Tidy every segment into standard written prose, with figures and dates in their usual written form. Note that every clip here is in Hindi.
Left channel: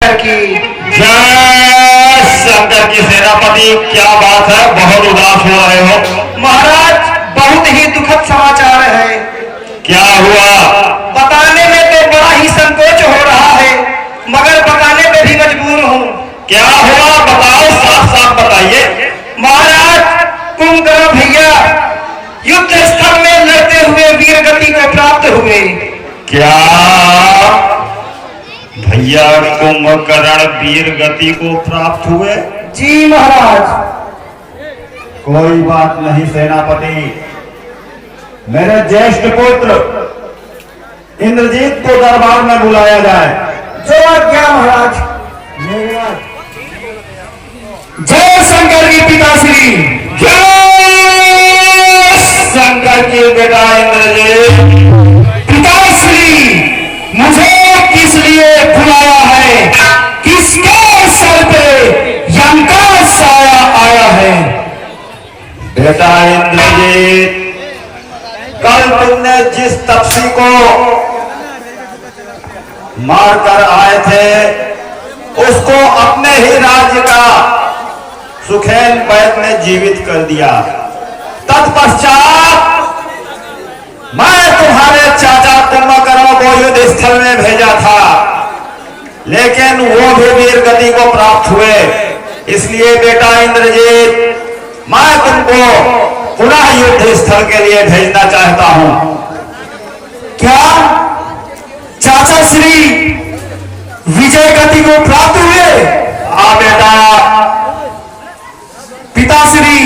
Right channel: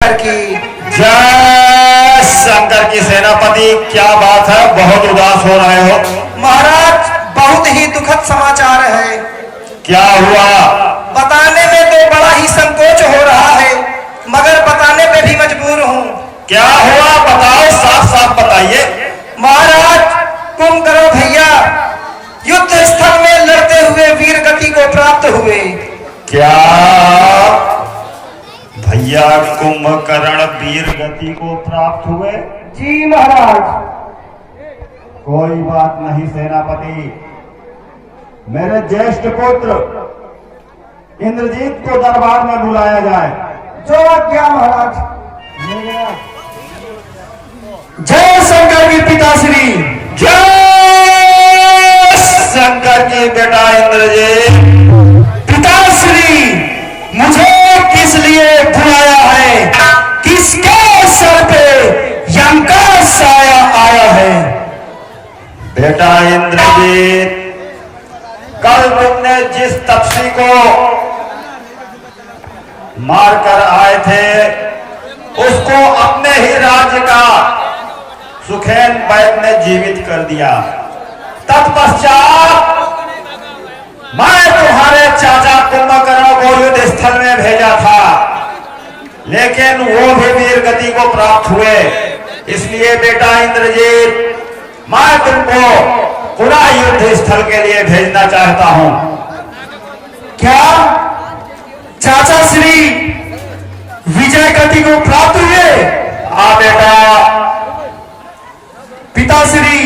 की जय शंकर की सेनापति। क्या बात है, बहुत उदास हो रहे हो महाराज? बहुत ही दुखद समाचार है। क्या हुआ? बताने में तो बड़ा ही संकोच हो रहा है, मगर बताने पे भी मजबूर हूँ। क्या हुआ बताओ, साफ साफ बताइए। महाराज, कुंभकर्ण भैया युद्ध स्थल में लड़ते हुए वीर गति को प्राप्त हुए। क्या भैया कुंभकर्ण वीर गति को प्राप्त हुए? जी महाराज। कोई बात नहीं सेनापति, मेरे ज्येष्ठ पुत्र इंद्रजीत को दरबार में बुलाया जाए। जो क्या महाराज। जय शंकर की पिताश्री। जय शंकर की बेटा इंद्रजीत। पिताश्री, मुझे किस लिए बुलाया है? किसके सर पे यम का साया आया है? बेटा इंद्रजीत, कल तुमने जिस तपसी को मारकर आए थे, उसको अपने ही राज्य का सुखेन बैद ने जीवित कर दिया। तत्पश्चात मैं तुम्हारे चाचा कुंभकर्ण को युद्ध स्थल में भेजा था, लेकिन वो भी वीर गति को प्राप्त हुए। इसलिए बेटा इंद्रजीत, मैं तुमको पुनः युद्ध स्थल के लिए भेजना चाहता हूं। क्या चाचा श्री विजय गति को प्राप्त हुए? हाँ बेटा। पिताश्री,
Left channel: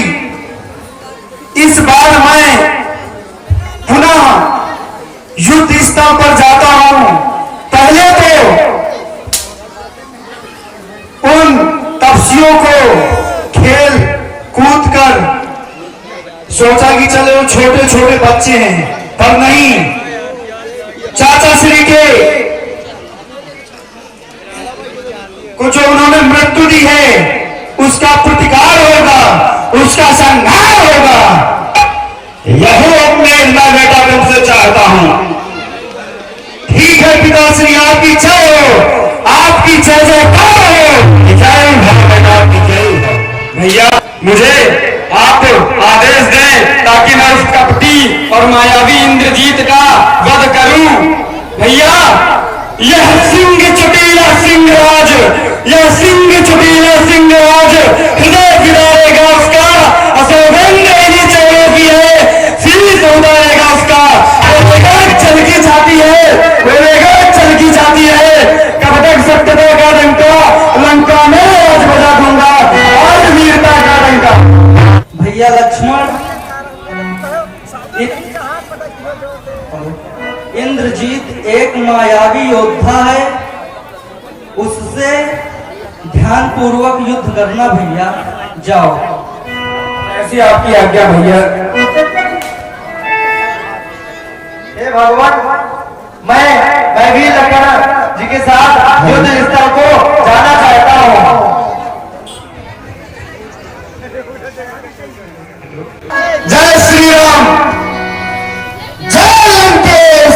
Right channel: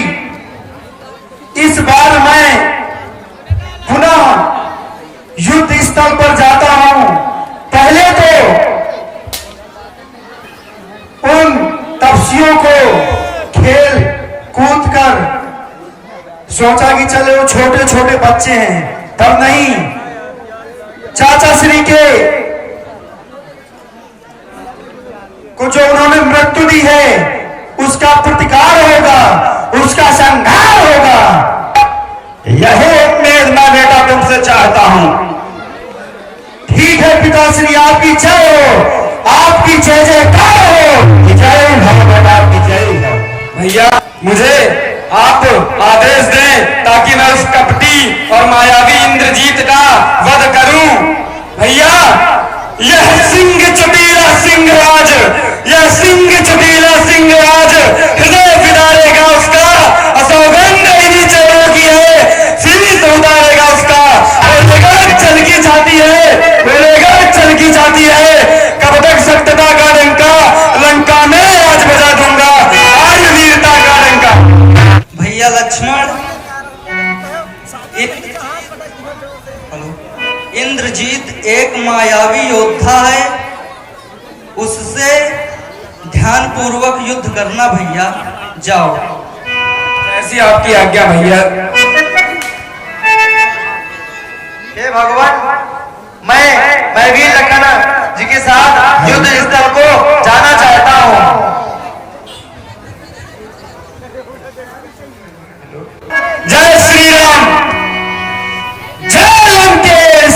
इस बार मैं पुनः युद्ध स्थल पर जाता हूं। पहले तो उन तपस्वियों को खेल कूद कर सोचा कि चलो छोटे छोटे बच्चे हैं, पर नहीं, चाचा श्री के को जो उन्होंने मृत्यु दी है उसका प्रतिकार होगा, उसका संहार होगा। यही अपने ना बेटा तुमसे चाहता हूं। ठीक है पिताश्री, आपकी जय हो, आपकी जय जयकार हो। जय हो बेटा, आपकी जय हो। भैया, मुझे आप आदेश दें ताकि मैं उस कपटी और मायावी इंद्रजीत का वध करूं। भैया, यह सिंह चबीरा सिंहराज, यह सिंह चबीरा सिंहराज हृदय विदारेगा उसका, असौगंध यदि चौरों की है, शीश उतारेगा उसका। बोलेगा चलकी जाती है, बोलेगा चलकी जाती है, कब तक सत्यता का डंका लंका में आज बजा दूंगा, आज वीरता का डंका। भैया लक्ष्मण, इंद्रजीत एक मायावी योद्धा है, उससे ध्यान पूर्वक युद्ध करना। भैया जाओ। ऐसी आपकी आज्ञा भैया। हे भगवान, मैं भी लखन जी के साथ युद्ध स्थल को जाना चाहता हूँ। जय श्री राम, जय लंकेश,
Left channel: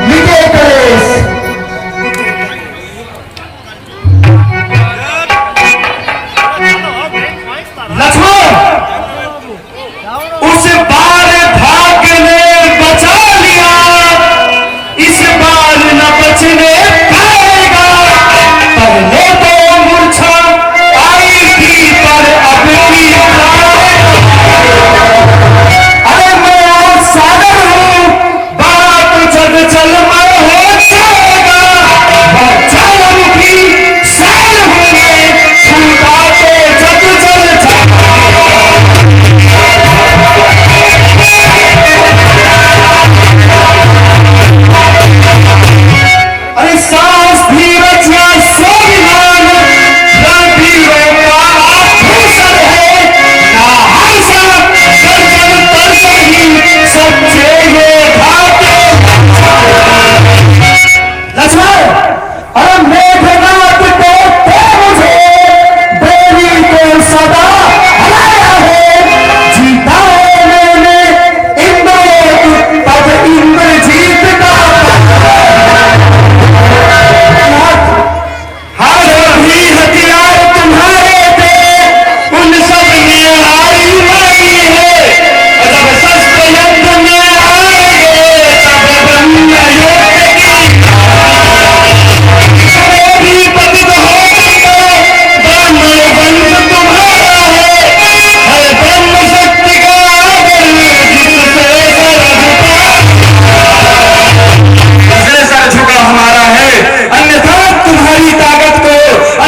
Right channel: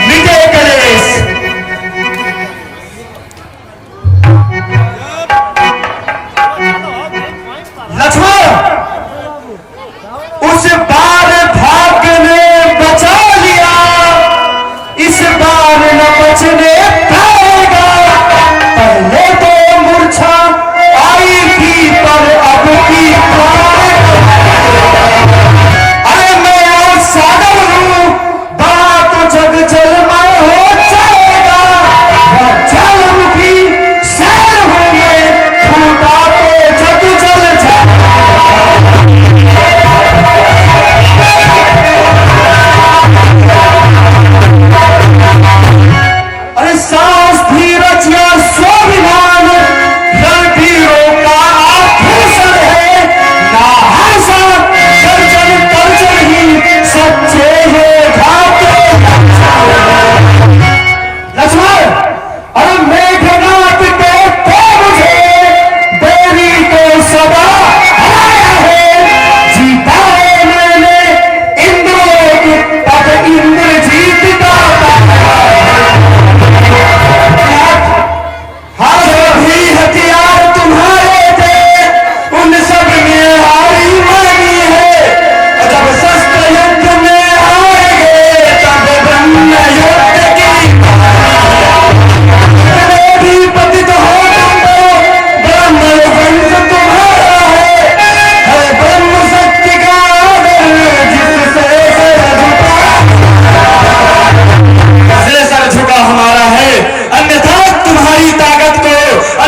मिटे कलेश। लक्ष्मण, उस बार भाग्य ने बचा लिया, इस बार न बचने पाएगा।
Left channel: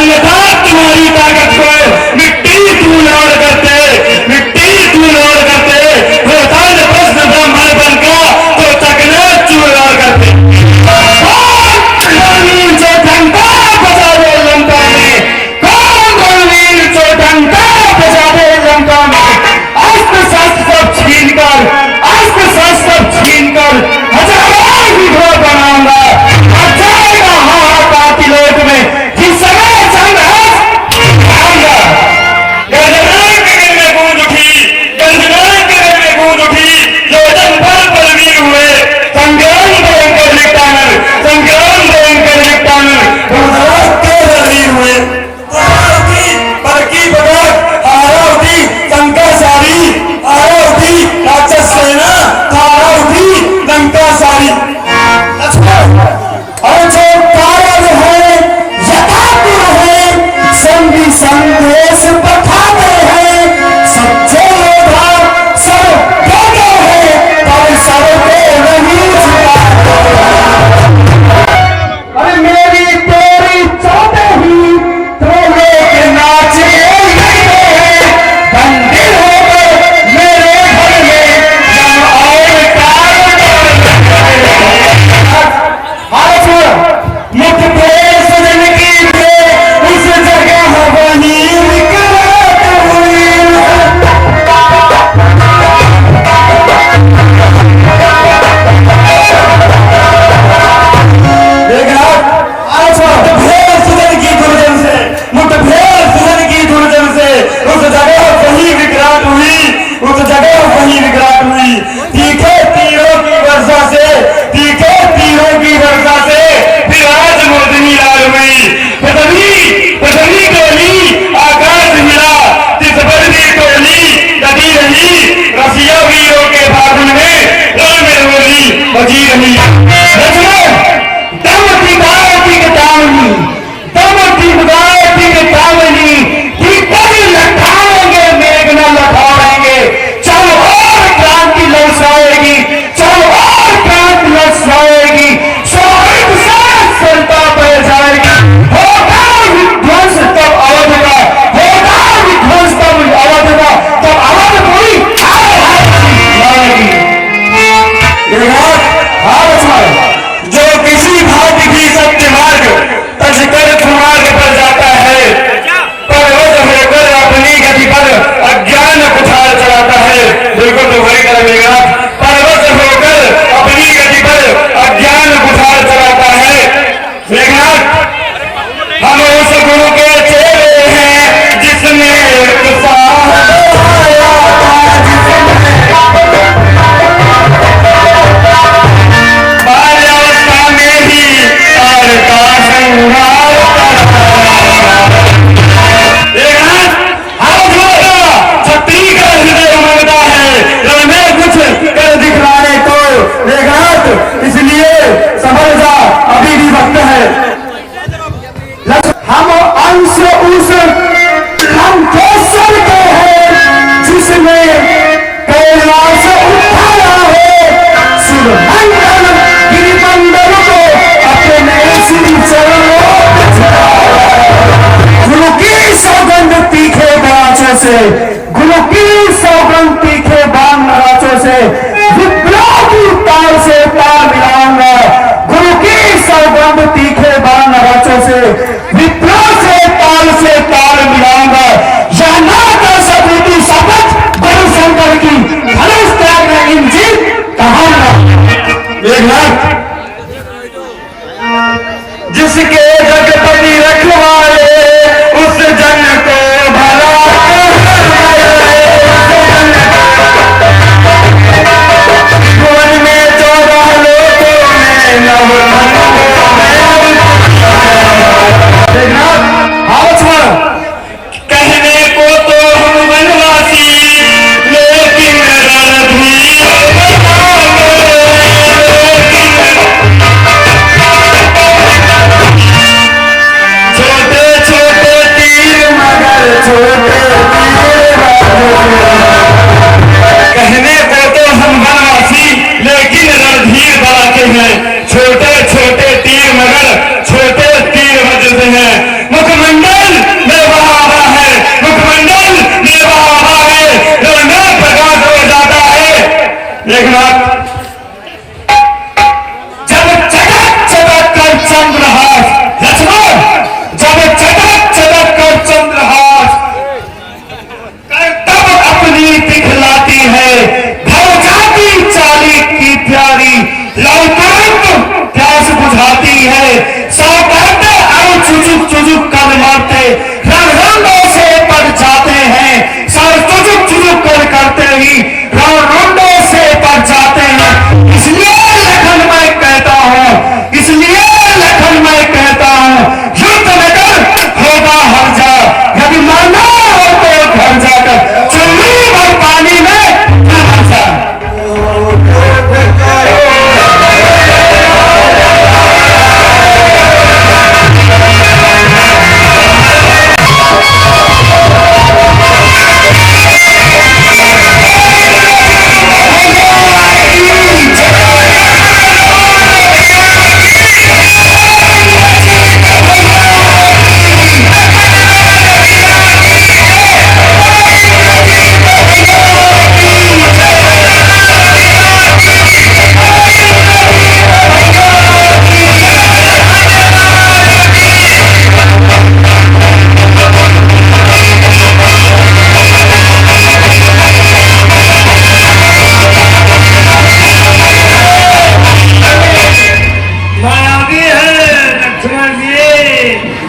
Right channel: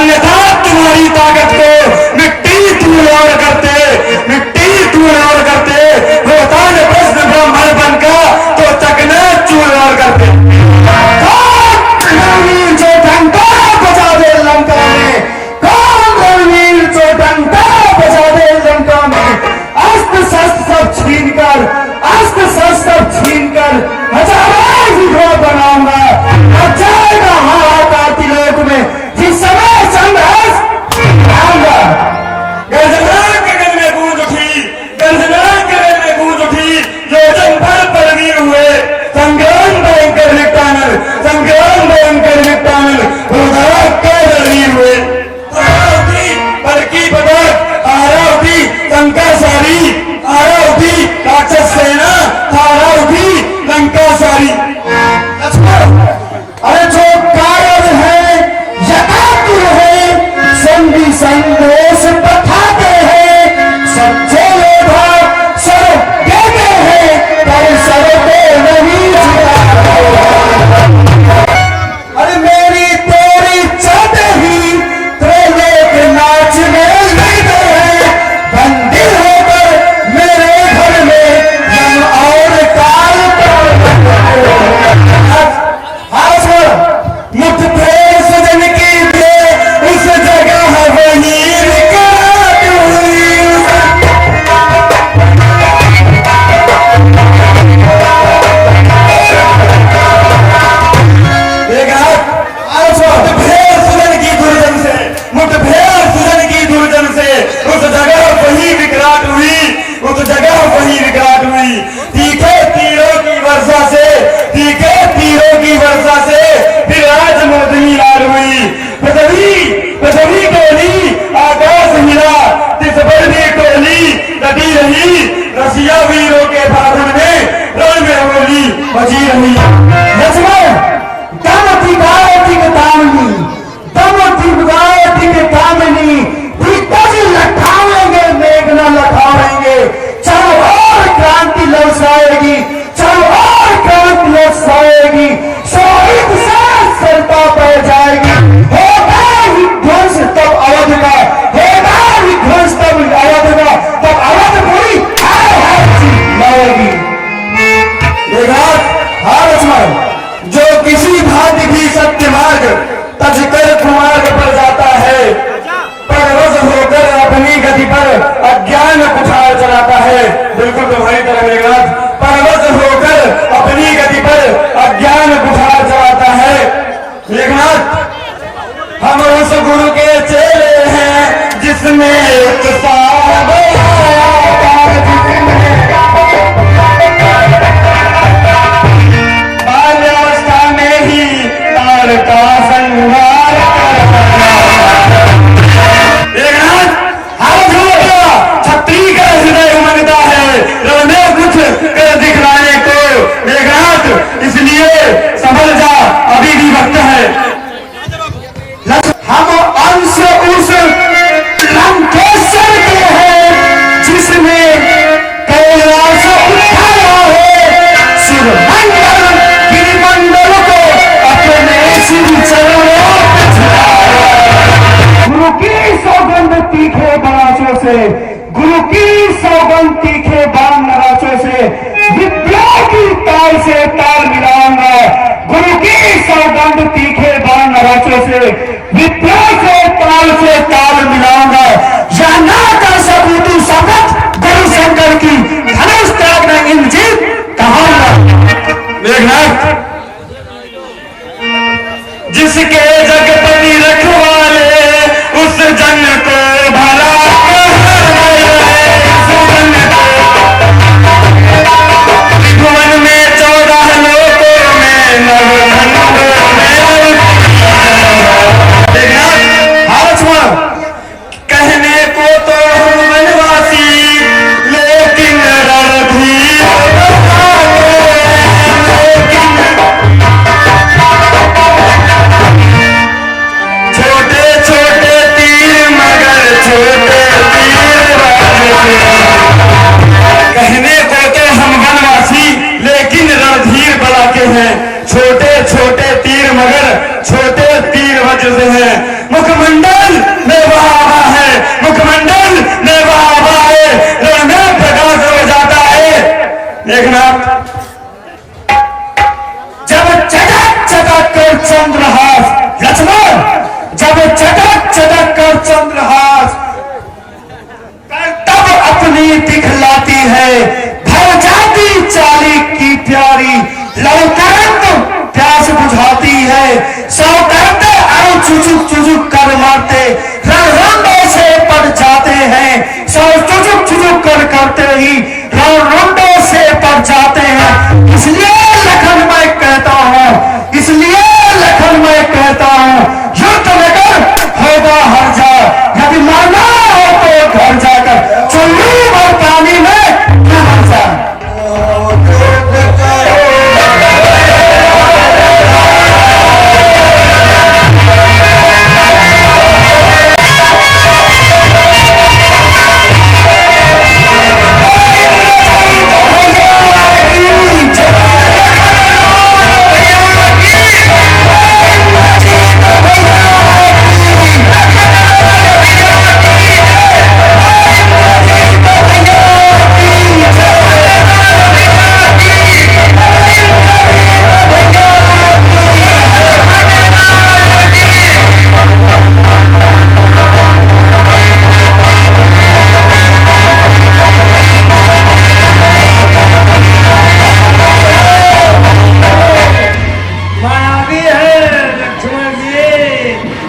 अन्यथा तुम्हारी ताकत को मिट्टी धूल करते, मिट्टी धूल करते, होता न प्रश्न ब्राह्मण बन का तो चकना चूर करते। कौन जो घंटा बजा दे लंका में, कौन रणवीर जो घंटा बजा दे लंका में, अस्त्र शस्त्र सब छीन कर, अस्त्र शस्त्र सब छीन कर हजारों विधवा बनाऊंगा। अब जाएगा हाहाकार तिलोक में जिस समय संघर्ष आऊंगा। गंजनान गगन में गूंज उठी, गंजनान गगन में गूंज उठी, योजन भर परवीर हुए, संग्राम भयंकर निपटानर, संग्राम भयंकर निपटानर, उदास के रणवीर हुए। हारा उठी परकी बगत, हारा उठी कंकासारी, हारा उठी राक्षस सेना, हारा उठी लंका सारी। और जो कारण है यथापूर्व है, संधि संदेश पठाते हैं, सच्चे योद्धा सर देते हैं पर सर पे नहीं झुकाते। अरे मेरी तेरी चाहते ही त्रोले के नाचे हैं, बंदी होकर मेरे घर में जम और कार मुठभेड़ सजन की जो उस जगह वही विकराल हुई। मुठभेड़ सजन की दुर्जन से, मुठभेड़ सजन की दुर्जन से उस जगह वही विकराल हुई, उस जगह वही विकराल हुई। तीखे तीरों की वर्षा से, तीखे तीरों की वर्षा से फिर आज मोदनी लाल हुई। पृथ्वी टोली आकाश मिला, तिस बदली टोली लदी रही, रसिया वीरों के फागुन में रण में होली बजी रही। दम दिगाती के तामनी, दम दिगाती के तामनी, दिग्गज लठाएंगे मेघ न लठाएंगे, चारों ओर क्रांति लौटाएगी, चारों ओर क्रांति लौटाएगी, शोहित से सरता पड़ जाएगी। होगा विध्वंस तब अवध का, होगा विध्वंस तब अवध का, तब अवध पूरी हार हार चिल्लाएगी।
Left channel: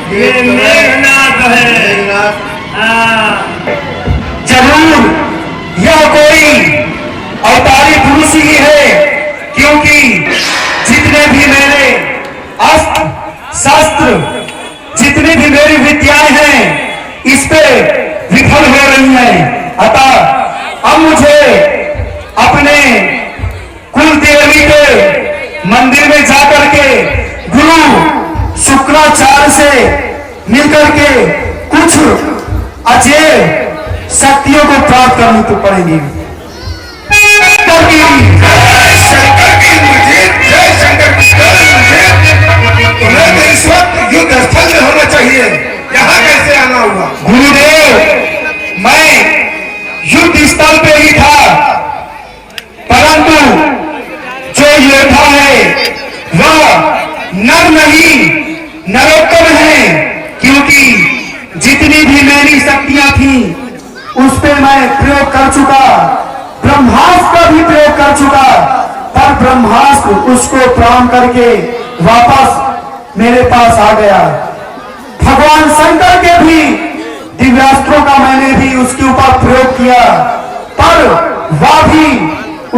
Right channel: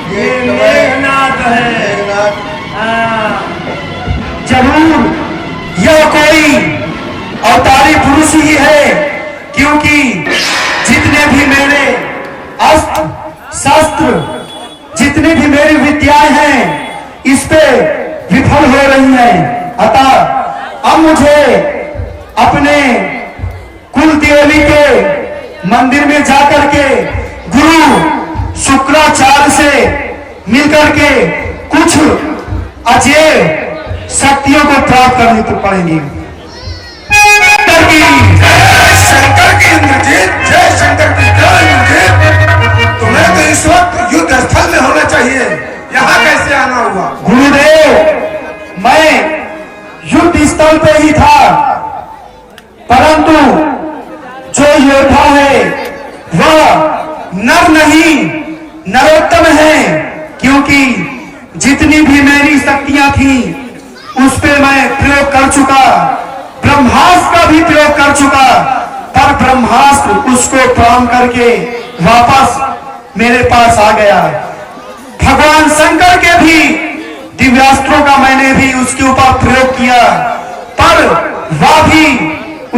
ये मेघनाथ है। जरूर यह कोई अवतारी पुरुष ही है, क्योंकि जितने भी मेरे अस्त्र शस्त्र, जितनी भी मेरी विद्याएं हैं, इस पे विफल हो रही हैं। अतः अब मुझे अपने कुल देवी के मंदिर में जाकर के गुरु शुक्राचार्य से मिलकर के कुछ अजय शक्तियों को प्राप्त करनी तो पड़ेगी। शंकर की मुझे जय शंकर की जय मुझे। तुम्हें तो इस वक्त युद्ध स्थल में होना चाहिए, यहाँ कैसे आना हुआ? गुरुदेव, मैं युद्ध स्थल पे ही था, परंतु जो योद्धा है वह नर नहीं नरोत्तम है, क्योंकि जितनी भी मेरी शक्तियां थी उस पे मैं प्रयोग कर चुका, ब्रह्मास्त्र का भी प्रयोग कर चुका, पर ब्रह्मास्त्र उसको प्रणाम करके वापस मेरे पास आ गया। भगवान शंकर के भी दिव्यास्त्रों का मैंने भी उसके ऊपर प्रयोग किया, पर वह भी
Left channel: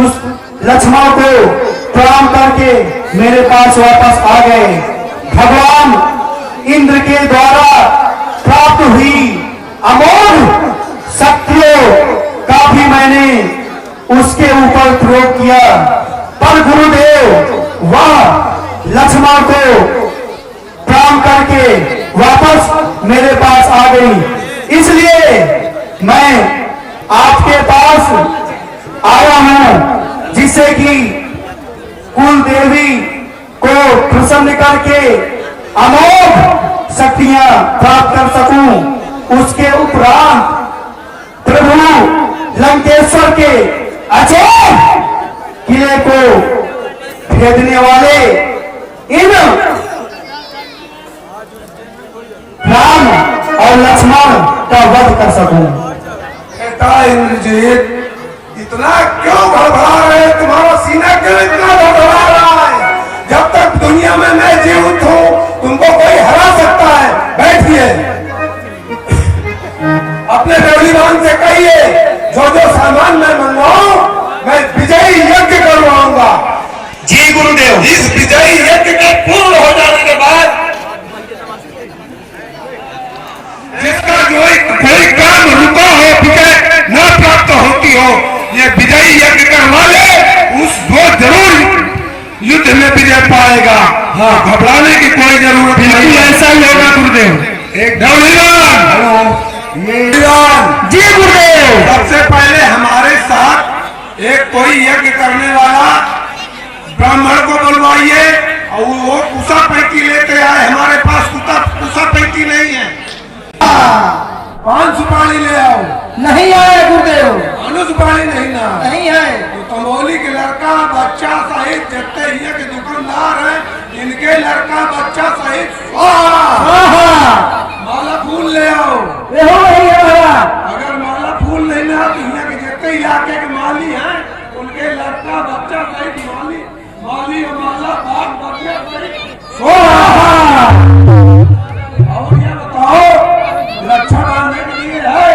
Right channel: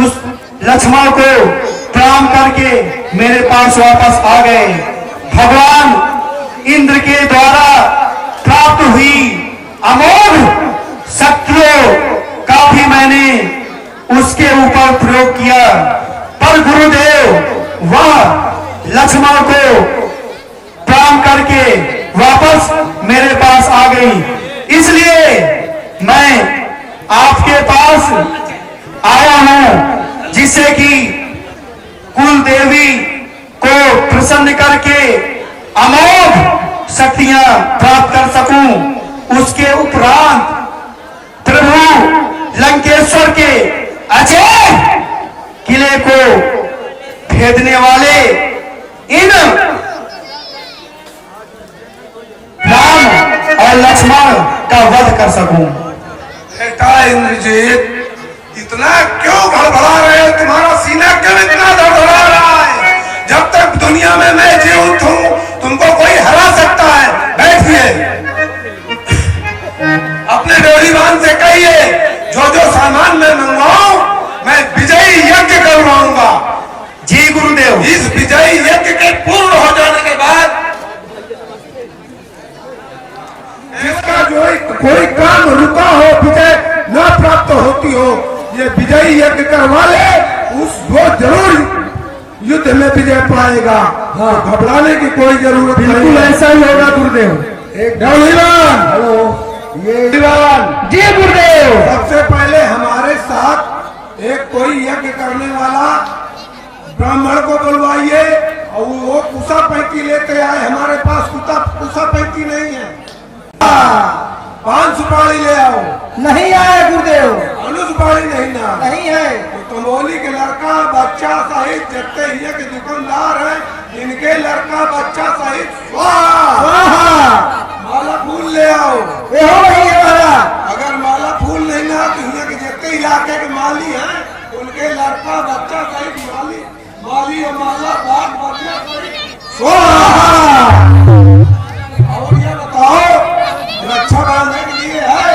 उस लक्ष्मण को प्रणाम करके मेरे पास वापस आ गए। भगवान इंद्र के द्वारा प्राप्त हुई अमोघ शक्तियों का भी मैंने उसके ऊपर प्रयोग किया, पर गुरुदेव वह लक्ष्मण को प्रणाम करके वापस मेरे पास आ गई। इसलिए मैं आपके पास आया हूं, जिससे कि कुल देवी को प्रसन्न करके अमोघ शक्तियां प्राप्त कर सकूं। उसके उपरांत प्रभु लंकेश्वर के अजय किले को भेदने वाले इन राम और लक्ष्मण का वध कर सकूं। बेटा इंद्रजीत, इतना क्यों घबरा रहे हो? तुम्हारा सीना क्यों इतना घबरा रहा है? जब तक दुनिया में मैं जीवित हूँ तुमको कोई हरा सकता है। बैठिए, अपने गौरीवान से कहिए जो जो सामान मैं मंगवाऊं मैं विजयी यज्ञ करवाऊंगा। जी गुरुदेव। इस विजयी यज्ञ के पूर्ण हो जाने के बाद जिसका कोई काम रुका हो, विजय न प्राप्त होती हो, ये विजयी यज्ञ करवा ले, वो जरूर युद्ध में विजय पाएगा। हाँ, घबराने की कोई जरूरत नहीं, ऐसा ही होगा गुरुदेव। एक गौरीवान, हेलो, ये जी गुरुदेव। सबसे पहले हमारे साथ एक कोई यज्ञ करने वाला ब्राह्मण को बुलवाइए और वो कुसा पैंती लेके आए। हमारे पास कुसा पैंती नहीं है। 5 सुपारी ले आओ। नहीं आए गुरुदेव। अनु सुपारी नहीं ना? नहीं है। तो कमोली के लड़का बच्चा सहित जितने ही के दुकानदार हैं, इनके लड़का बच्चा सहित माला फूल ले आओ। वही है महाराज। अगर माला फूल नहीं ना तो यहाँ के जितने इलाके के माली हैं उनके लड़का बच्चा सहित माली और माला बाग बच्चा सहित। और ये बताओ, रक्षा बांधने के लिए है?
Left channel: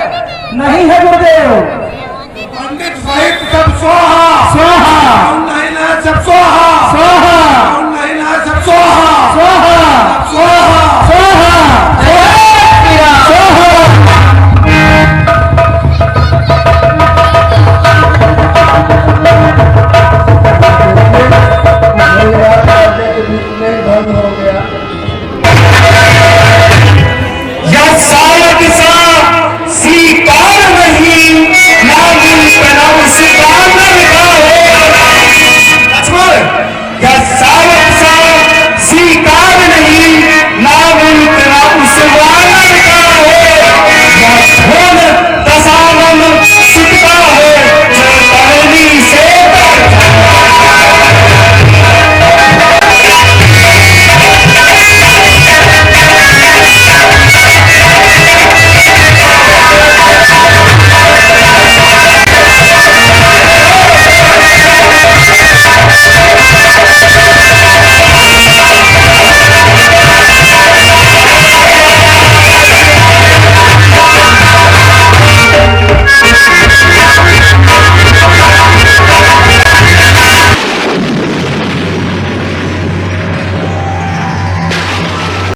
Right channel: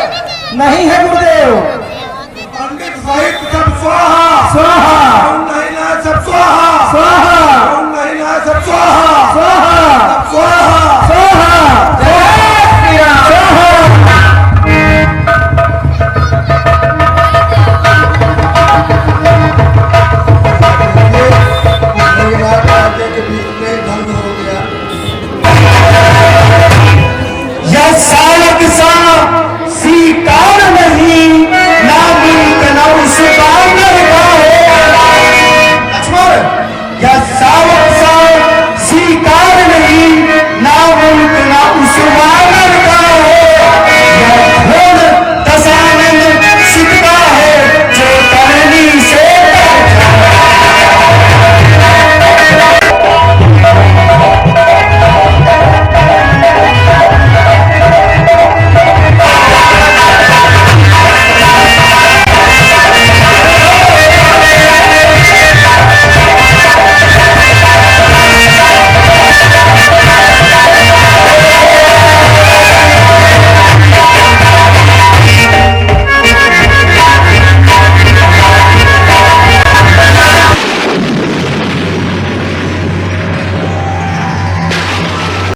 नहीं है गुरुदेव। पंडित सहित सब स्वाहा।